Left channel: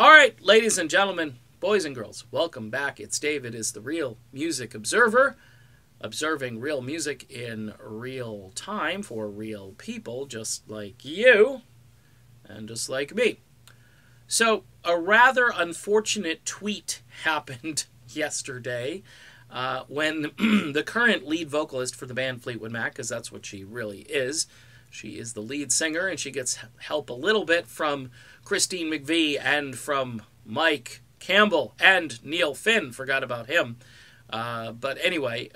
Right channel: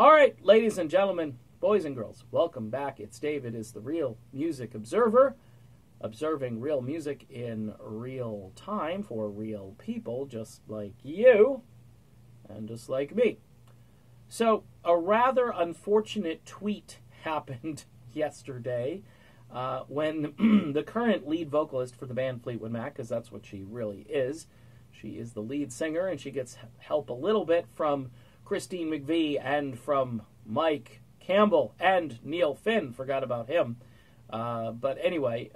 All right, ladies and gentlemen, boys and girls, welcome back. It's David, is the Real Music Observer, observing real music in real time for real people just like you and just like me. So, a rather unfortunate tweet happened yesterday when the current lead vocalist for the band Fleetwood Mac, because that's what she really is, she is the lead singer, and she gets help a little bit from Christine McVie and from Mike Campbell and Neil Finn. Forgot about him. But anyway,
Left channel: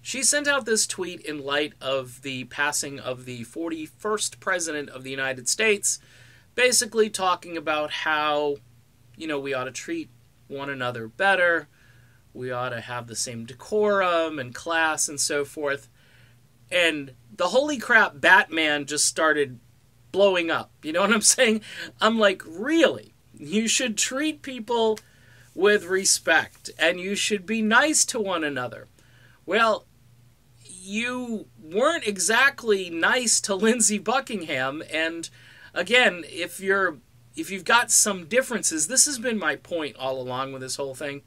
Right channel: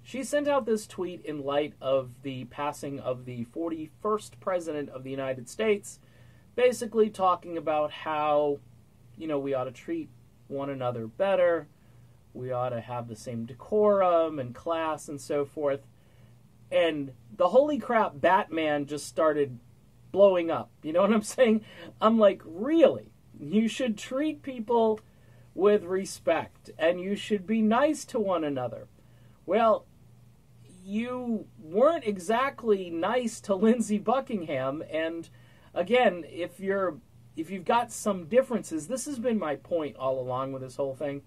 she sent out this tweet in light of the passing of the 41st President of the United States, basically talking about how, we ought to treat one another better, we ought to have the same decorum and class and so forth. And the holy crap Batman just started blowing up. You know what I'm saying? I'm like, really? You should treat people with respect, and you should be nice to one another. Well, you weren't exactly nice to Lindsey Buckingham, and again, if you've got some differences, this has been my point all along with this whole thing,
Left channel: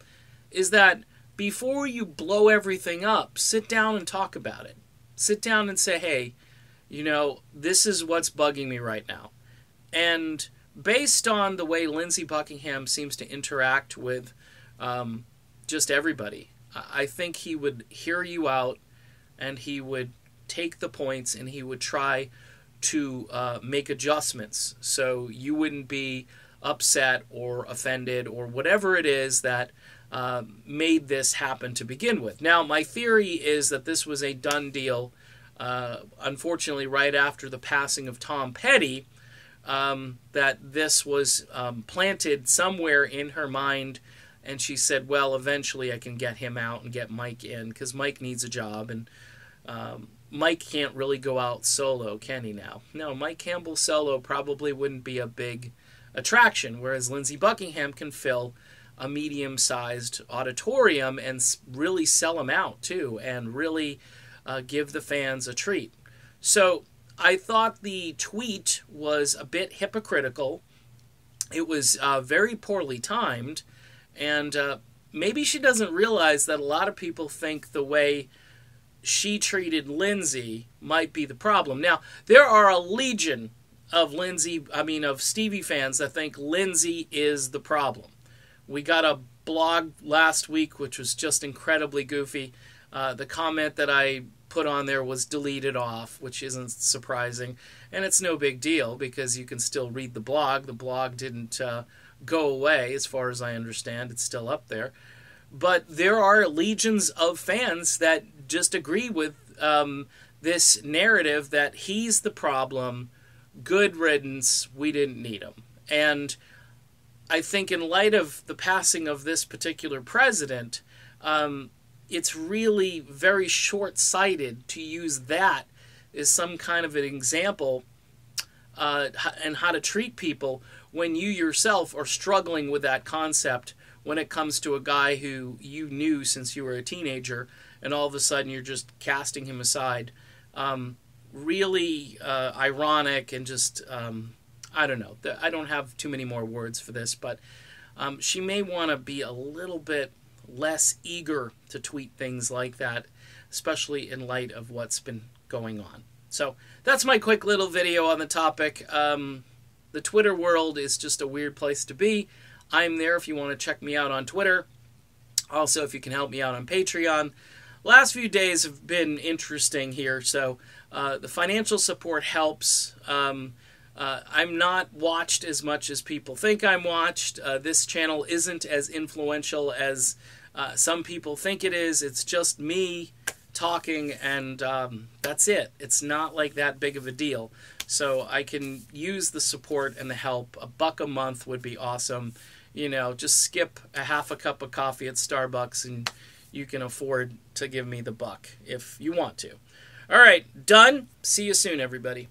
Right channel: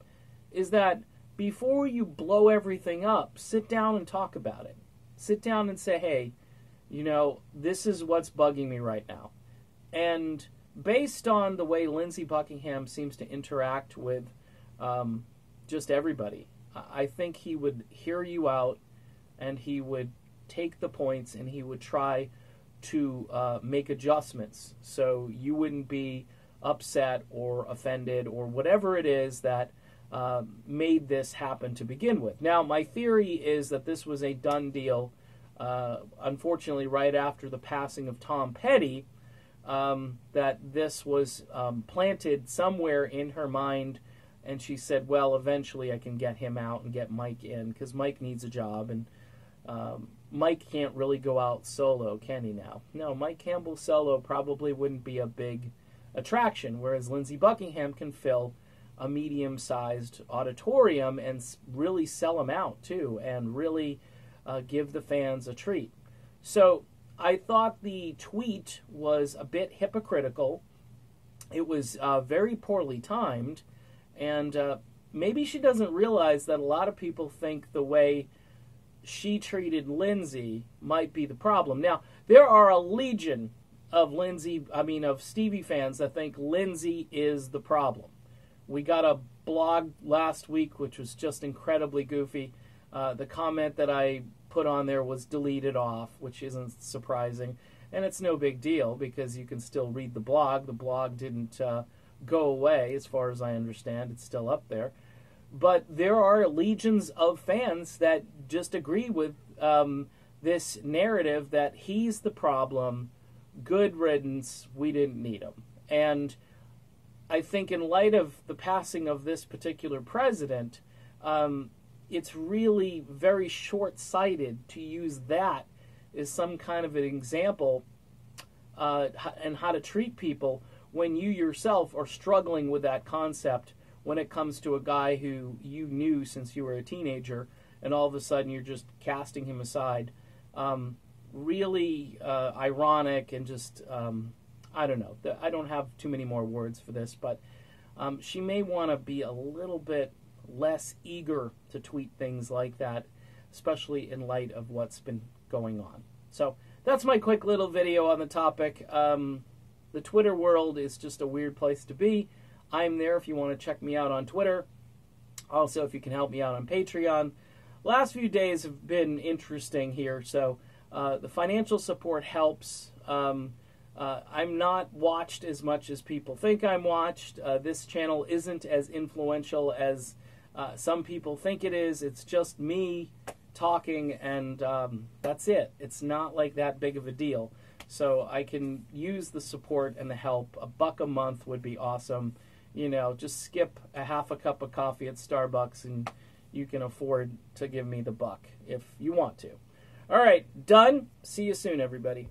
is that before you blow everything up, sit down and talk about it. Sit down and say, hey, this is what's bugging me right now. And based on the way Lindsey Buckingham seems to interact with just everybody, I think he would hear you out, and he would take the points, and he would try to make adjustments so you wouldn't be upset or offended or whatever it is that made this happen to begin with. Now, my theory is that this was a done deal, unfortunately, right after the passing of Tom Petty, that this was planted somewhere in her mind, and she said, well, eventually I can get him out and get Mike in, because Mike needs a job, and Mike can't really go out solo, can he now? No, Mike Campbell solo probably wouldn't be a big attraction, whereas Lindsey Buckingham can fill a medium-sized auditorium and really sell them out, too, and really give the fans a treat. So I thought the tweet was a bit hypocritical. It was very poorly timed, and maybe she doesn't realize that a lot of people think the way she treated Lindsey might be the problem. Now, there are a legion of Stevie fans that think Lindsey is the problem. We got a blog last week which was just incredibly goofy. The comment that I put on there was deleted off, which isn't surprising. And it's no big deal because you can still read the blog. The blog didn't go away as far as I understand. It's still up there. But there are legions of fans that just agree with this narrative that he's the problem, good riddance, we didn't need him. And I think in light of the passing of this particular president, it's really very short-sighted to use that as some kind of an example and how to treat people when you yourself are struggling with that concept when it comes to a guy who you knew since you were a teenager, and all of a sudden you're just casting him aside. Really ironic and just... I don't know. I don't have too many more words for this, but she may want to be a little bit less eager to tweet things like that, especially in light of what's been going on. So that's my quick little video on the topic. The Twitter world is just a weird place to be. I'm there if you want to check me out on Twitter. Also, if you can help me out on Patreon. Last few days have been interesting here, so the financial support helps. I'm not watched as much as people think I'm watched. This channel isn't as influential as some people think it is. It's just me talking, and that's it. It's not like that big of a deal. So I can use the support and the help. $1 a month would be awesome. Just skip a half a cup of coffee at Starbucks, and you can afford to give me the $1 if you want to. All right, done. See you soon, everybody.